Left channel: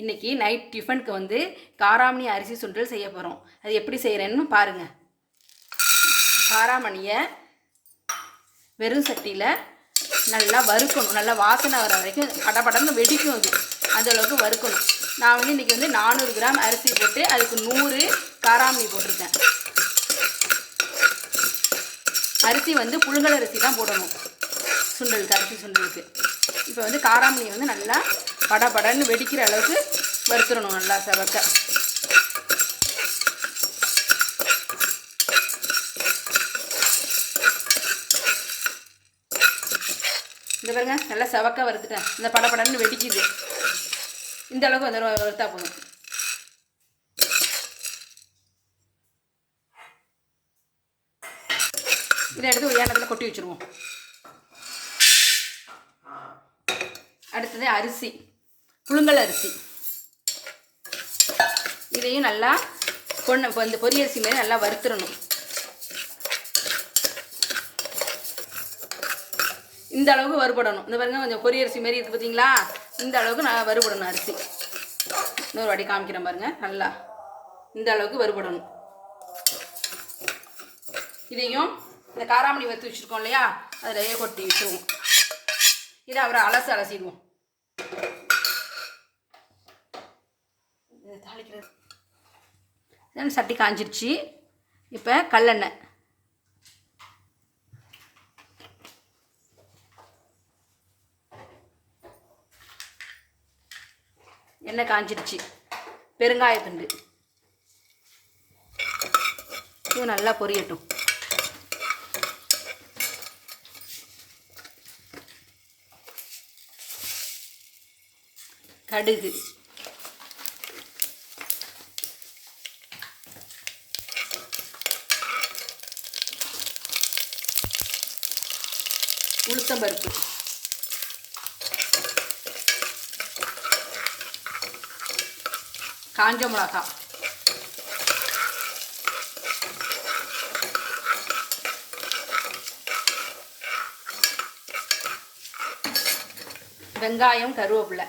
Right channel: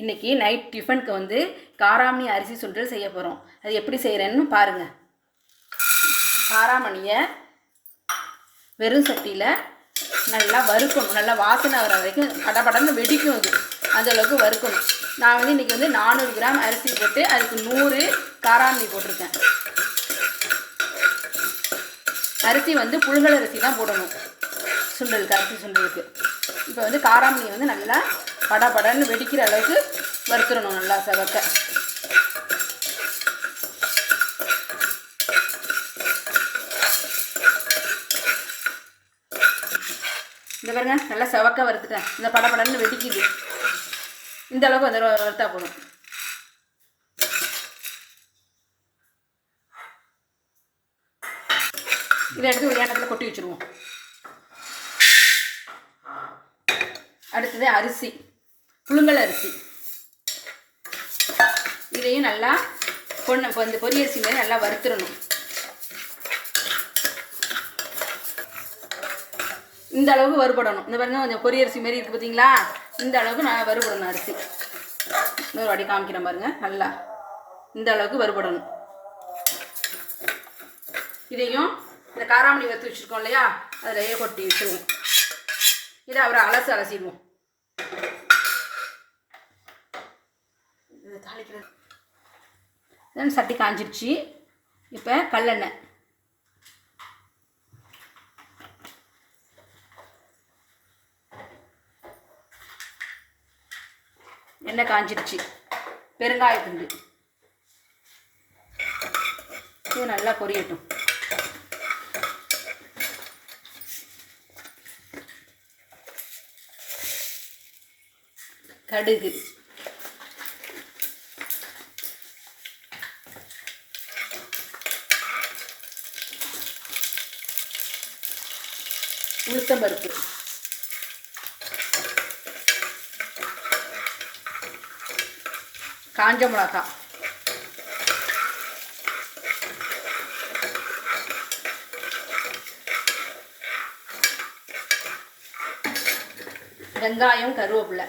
இன்றைக்கி நைட் டிஃபனுக்கு வந்து காராமணி அரிசி சுண்டல் செய்ய போகிறோம் அது எப்படி செய்கிறேன்னு பாருங்கள் காராமணியை வெறும் சட்டியில் நல்லா வறுக்கணும். நல்லா வாசனை வர வரைக்கும் படபடன்னு வெடிக்கும் அது அந்த அளவுக்கு வறுக்கணும். நான் வந்து இன்றைக்கி வந்து நானூறு கிராம் அரிசி போட்டு அதுக்கு நூறு காராமணி போட்டிருக்கேன். அரிசி வந்து புழுங்கல் அரிசி தான் போடணும். சுண்டலுக்கு அரிசி சுண்டலுக்கு. இப்போ வந்து காராமணியை வந்து நல்லா படபடன்னு வெடிக்கிற அளவுக்கு வறுத்துடணும் நல்லா செவக்க. இந்த பாருங்க நல்லா செவக்க வறுத்துட்டேன். இந்த படபடன்னு வெடிக்குது. இந்த அளவுக்கு வந்து வறுத்தா போதும். இதை எடுத்து ஒரு ஏனத்தில் கொட்டி வச்சுருவோம். அடுத்தது அரிசி. புழுங்கல் அரிசி. இதையும் நல்லா பொண்ணு இப்போ இந்த பொரியரிசி மாதிரி நல்லா வறுத்துடணும். இந்த அளவுக்கு வறுபடணும். இந்த பாருங்க கொஞ்சம் பொரியரிசி மாரி இருக்குது பார்த்தீங்களா இந்த அளவுக்கு நான் வறுபடணும் அரிசி. இன்னொரு வாட்டி காமிக்கிறேன் பாருங்க நல்லா இந்த அளவுக்கு வறுபடணும். இதையும் இந்த காராமணி வறுத்து வச்சுருக்கோம் இல்லையா? அதில் கொட்டி வச்சுருவோம் இதை அவரை அலசு அலசிடுவோம். இது தாளிக்கிறது. சட்டி காஞ்சிருச்சு. இப்போ கல்லெண்ணெய். எண்ணெய் காஞ்சிருச்சு. பெருங்காயத்துண்டு இது நல்லா பொரியட்டும். கடுகு. உளுத்தம்பருப்பு காஞ்ச மிளகா. வெங்காயம் கருவேப்பிலை.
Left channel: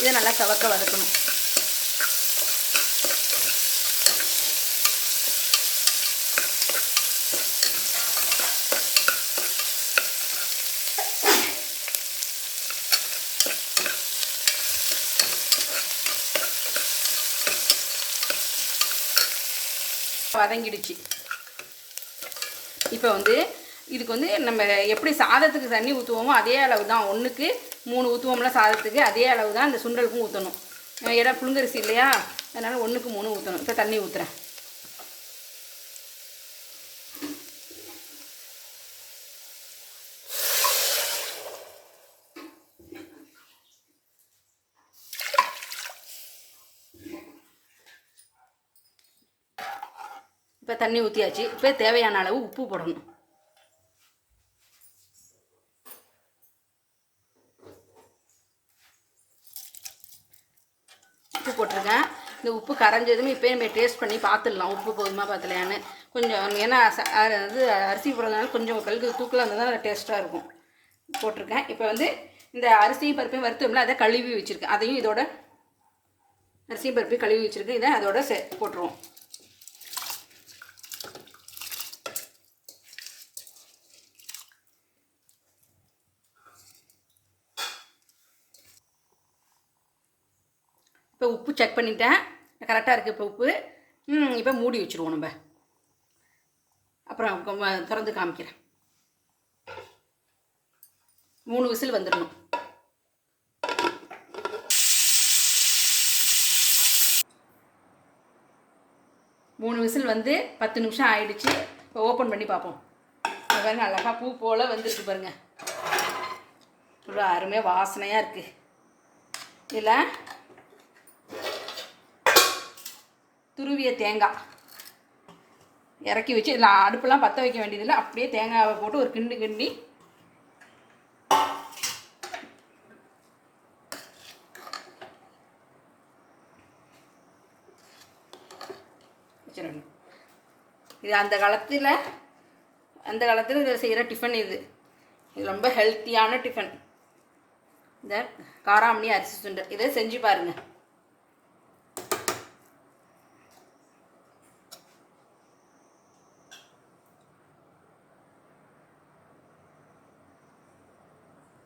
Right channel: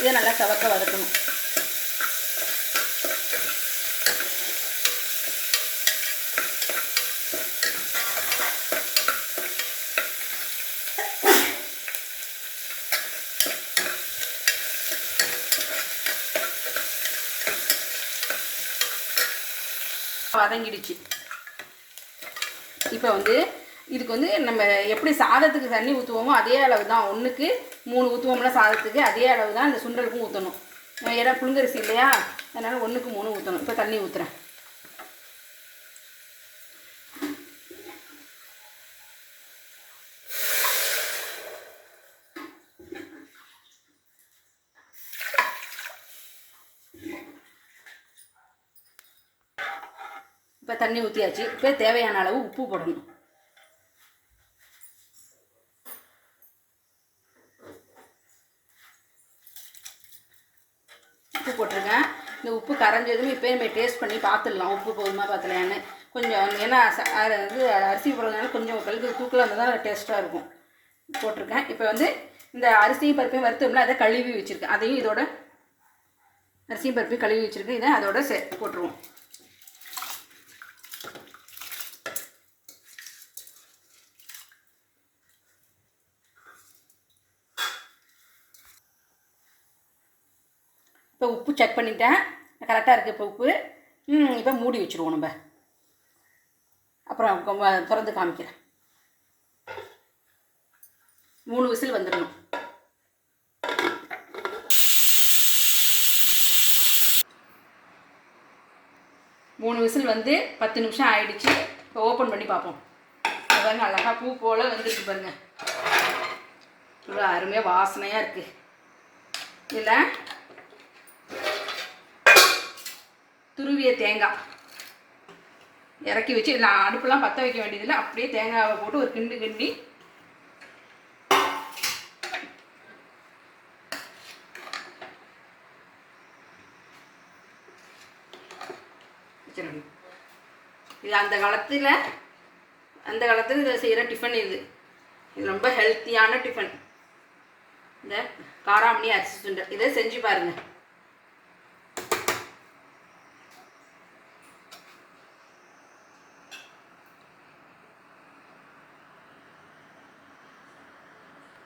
இதை நல்லா சவக்க வதக்கணும். வதங்கிடுச்சு. இப்போ வந்து இதுக்கு வந்து நம்ம எப்படி சாதத்துக்கு தண்ணி ஊற்றுவோமோ அதே அளவு தான் ஒன்றுக்கு மூணு ஊற்றுவோம்ல சாதத்துக்கு அதே அளவு தான் இந்த சுண்டலுக்கும் ஊற்றணும் ஏன்னா புழுங்கரிசி இல்லையா? அதனால் ஒன்றுக்கு மூணு ஊற்றணும் இப்போ தண்ணி ஊற்றுறேன் இப்போ தண்ணி ஊற்றியாச்சு இப்போ தேவையான அளவு உப்பு போடணும். உப்பு போட்டிருக்கேன். இந்த உப்பு கரைஞ்சதும் இப்போ நம்ம டேஸ்ட் பண்ணி பார்த்துடலாம். உப்பு போதுமா பார்த்துலையான்னு கொஞ்சம் ஏன்னா வந்து அரிசி போடுறதுனால கொஞ்சம் கழுகு தூக்கில் இருந்தால் தான் டேஸ்ட்டாக இருக்கும். போட்டிருக்கேன். இப்போ வந்து இந்த அரிசியும் பருப்பையும் வறுத்தோம்ல அதை கழுவி வச்சுருக்கேன். அதையும் இதோட அரிசியும் பருப்பையும் கழுவி வச்சுருக்கேன். இதை அதோட சே போட்டுருவோம். இப்போ உப்பு செக் பண்ணிட்டேன். கரெக்டாக இருக்குது இப்போ உப்பு. இப்போ மூடி வச்சுருவோம் நம்ம. அப்புறம் திறந்து காமிக்கிறேன். மூணு விசில் வந்துடணும். மூணு விசில் வந்து பத்து நிமிஷம் ஆயிடுச்சு. இப்போ ஓப்பன் பண்ணி பார்ப்போம். பாருங்கள் அழகாக பூ போல் வந்துருக்கு பாருங்க. இவ்வளோ அருமையாக வாசனையாக இருக்குது இதில் துருவிய தேங்காய். இறக்கி வச்சு நான் அடுப்பெல்லாம் பற்ற வைக்க வேண்டியதில்லை. அப்படியே தேங்காவை போட்டு ஒரு கிண்டு கிண்டி. இது அந்த காலத்தில் அந்த காலத்தில் இதை செய்கிற டிஃபன் இது. இது ரொம்ப ஹெல்த்தியான டிஃபன் இந்த காராமணி அரிசி சுண்டல். இதை செஞ்சு பாருங்கள்